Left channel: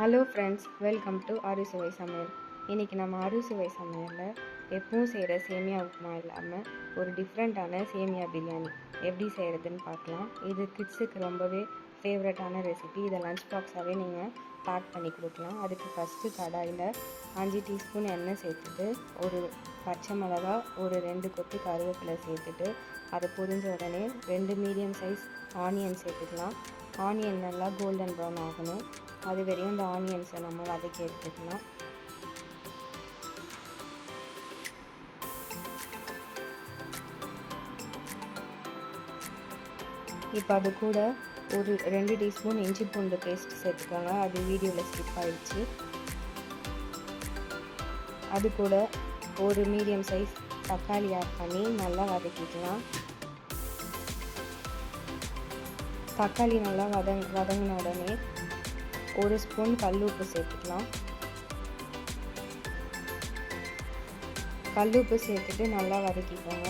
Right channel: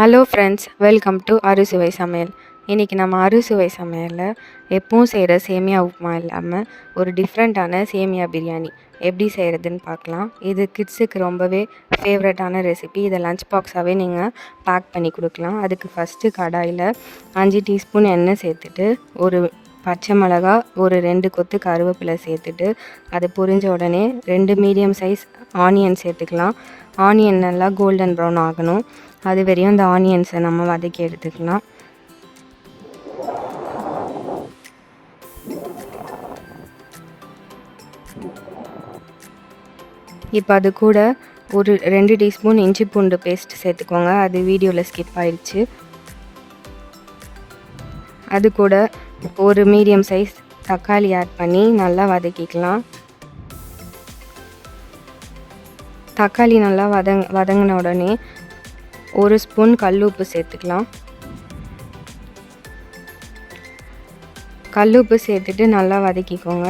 Hello friends, welcome to அறுசுவை சமையல். இன்றைக்கி நம்ம அறுசுவை சமையலில் எப்பவும் செய்கிற சேமியா உப்புமா இல்லாமல் ஒரு டிஃப்ரெண்ட்டான சேமியா பிரியாணி எப்படி செய்கிறதுன்னு பார்க்கலாம். இது கிட்ஸுக்கு ரொம்பவே ஃபேவரட்டான ரெசிபி. இதை லஞ்ச் பாக்ஸாகவே நீங்கள் பேக் பண்ணி கொடுக்கலாம். அதுக்கு ஃபஸ்ட்டு கடாயில் 5 டீஸ்பூன் எண்ணெய் சேர்த்துட்டு ஒரு பச்சை மிளகா, ஒரு 2 கொத்து கருவேப்பிலை சேர்த்துட்டு அது பொரிஞ்ச உடனே 2 மீடியம் சைஸ் ஆனியன் சேர்த்துக்கலாம். ஆனியன் நல்லா கோல்டன் ப்ரௌன் ஆகணும். அது வரையும் இந்த ஆனியன்ஸை நம்ம வதக்கி எடுத்துக்கலாம். இப்போ அது கூட ஒரு 2 டீஸ்பூன் இஞ்சி பூண்டு பேஸ்ட் சேர்த்துக்கோங்க. அது வீடியோவில் ஸ்கிப் ஆயிடுச்சு. அது கூட ஒரு மீடியம் சைஸ் தக்காளி ஆட் பண்ணி நல்லா வதக்கிக்கலாம். தக்காளி நல்லா வதங்கின உடனே ஒரு ஸ்பூன் கல்லுப்பு சேர்த்துக்கலாம். கல்லுப்பு சேர்த்துட்டு நல்லா வதக்கிக்கோங்க.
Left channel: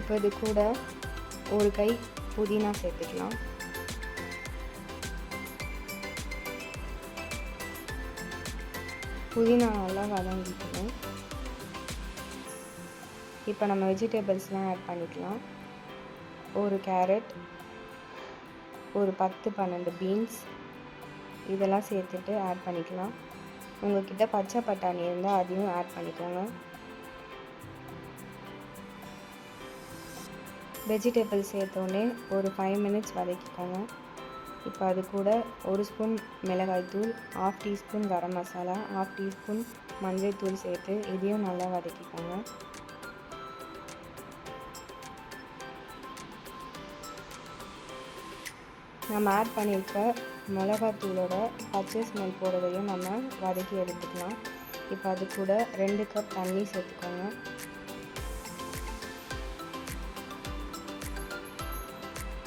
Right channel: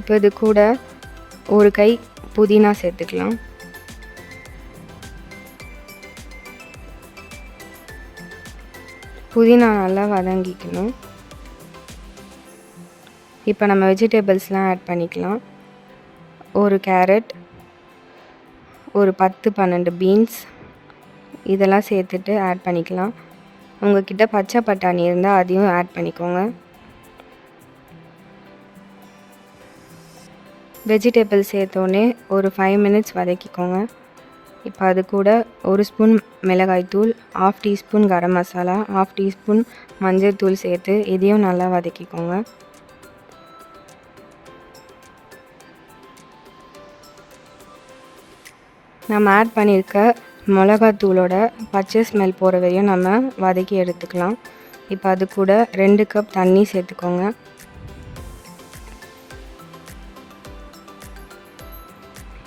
இப்போ இது கூட ஒரு கை புதினா சேர்த்துக்கலாம். புதினா நல்லா வதங்கிக்கணும். இப்போ நம்ம வெஜிடபிள்ஸ்லாம் ஆட் பண்ணிக்கலாம். ஒரு கேரட், ஒரு 10-12 பீன்ஸ் இதெல்லாம் சேர்த்துட்டு ஆட் பண்ணிக்கலாம். உங்கள்கிட்ட பச்சை பட்டாணி இருந்தால் அதையும் ஆட் பண்ணிக்கோங்க. வெஜிடபிள்ஸ் சேர்த்தோடனே ஒரு 5 மினிட்ஸ் வதக்கிக்கோங்க. இப்போ அது கூட ஒரு ஸ்பூன் மிளகாய்த்தூள், 1/2 டீஸ்பூன் கரம் மசாலா, 1/2 டீஸ்பூன் மஞ்சள் தூள் சேர்த்து இதையும் நல்லா வதக்கிக்கோங்க. நம்ம ஆட் பண்ணியிருக்க மிளகாத்தூளோட பச்சை ஸ்மெல் போகிற வரையும் நம்ம வதக்கி எடுத்துக்கலாம். இப்போ அது கூட 2 கப் தண்ணி சேர்த்துக்கோங்க.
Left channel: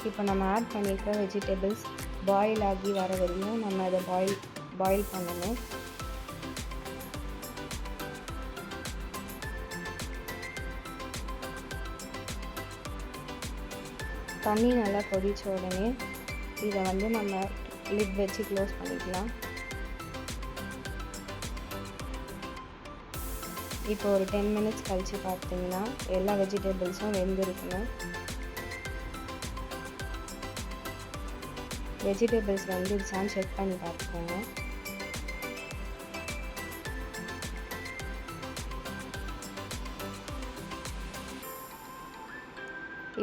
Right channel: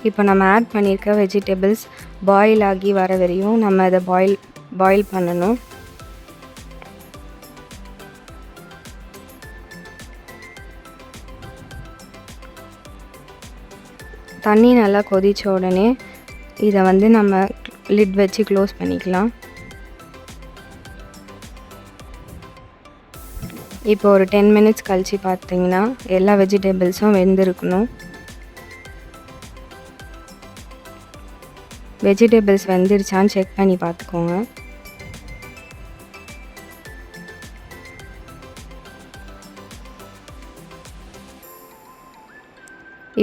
இப்போ நம்ம ஆட் பண்ணியிருக்க வெஜிடபிள்ஸ் பாயில் ஆகி வர வரையும் நம்ம அதை பாயில் பண்ணணும். தண்ணி நல்லா கொதித்த உடனே இதை நம்ம லிட் வச்சு க்ளோஸ் பண்ணிக்கலாம். இப்போ ஒரு 10 மினிட்ஸ் கழித்து பார்த்தீங்கன்னா எல்லா வெஜிடபிள்ஸும் வெந்திருக்கணும். வெஜிடபிள்ஸ் வெந்துருச்சான்னு செக் பண்ணி பார்த்துக்கோங்க.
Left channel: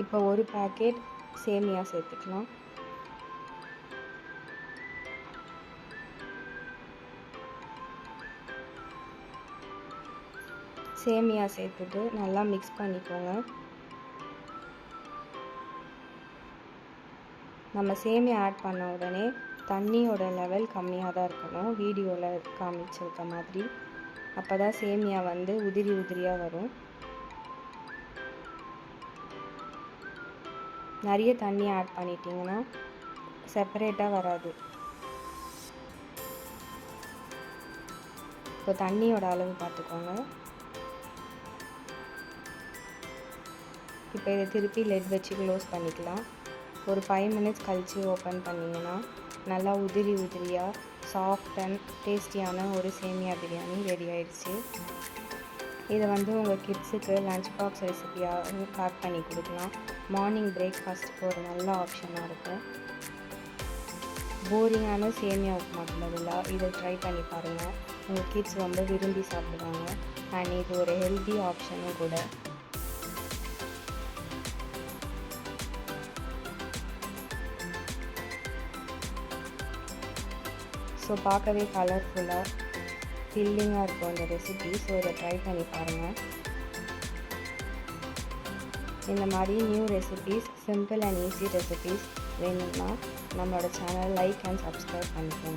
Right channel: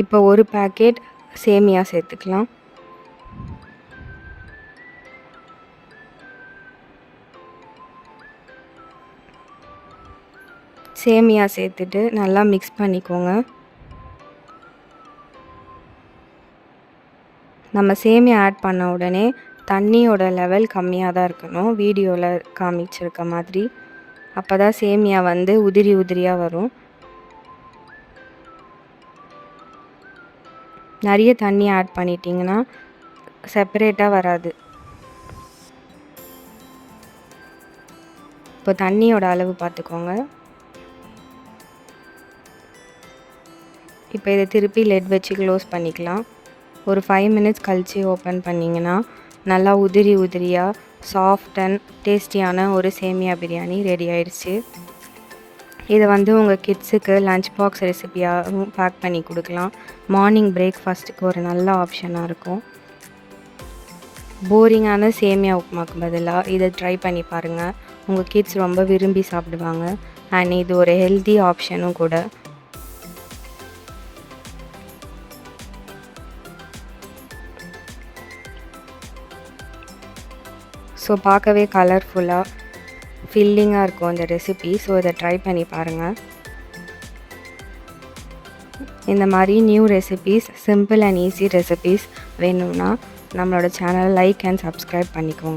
இப்போ ஒரு பேக்கெட் சேமியா சேர்த்துக்கலாம். சேமியா சேர்த்துட்டு நல்லா மிக்ஸ் பண்ணிக்கோங்க. நம்ம சேமியா ஆட் பண்ண உடனே தண்ணியோட லெவல் கம்மியாக தான் இருக்கணும், வீடியோவில் காமிச்சிருக்க மாதிரி. அப்போ தான் சேமியா உதிரி உதிரியாக வரும். நிறைய தண்ணி ஆட் பண்ணிட்டிங்கன்னா செப்பரேட்டாக வராது. இப்போ தண்ணியோட அளவு பார்த்துக்கோங்க. இப்போ இதை திருப்பி லெட் வச்சு க்ளோஸ் பண்ணிக்கலாம். ஒரு 5 மினிட்ஸ் கழித்து ஓப்பன் பண்ணிங்கன்னா நல்லா உதிரி உதிரியாக சாஃப்ட் அண்ட் டேஸ்டியான ஒரு சேமியா பிரியாணி ரெடி ஆயிடுச்சு. இதை உங்கள் கிட்ஸுக்கு லஞ்ச் பாக்ஸ் ரெசிபியாகவும் பேக் பண்ணி கொடுக்கலாம். மார்னிங் பிரேக்ஃபாஸ்ட்டுக்கு ஒரு நல்ல ஆப்ஷனாக இருக்கும். போரிங்கான சேமியா உப்புமாக்கு பதிலாக இதை ட்ரை பண்ணி பாருங்கள். உங்கள் கிட்ஸ் ரொம்ப விரும்பி சாப்பிடுவாங்க. அண்ட் இது ஒரு ஹெல்தி ஆப்ஷனும் கூட. ஸோ பார்க்கவே கலர்ஃபுல்லாக ஃபில்லிங்காக இருக்கும் இந்த ரெசிபி. ஸோ இதை ட்ரை பண்ணி பாருங்கள். இந்த மாதிரி new recipes, simple and easy recipes வேணும்னா நம்மளோட சேனலை லைக் அண்ட் சப்ஸ்கிரைப் பண்ணிக்கோங்க.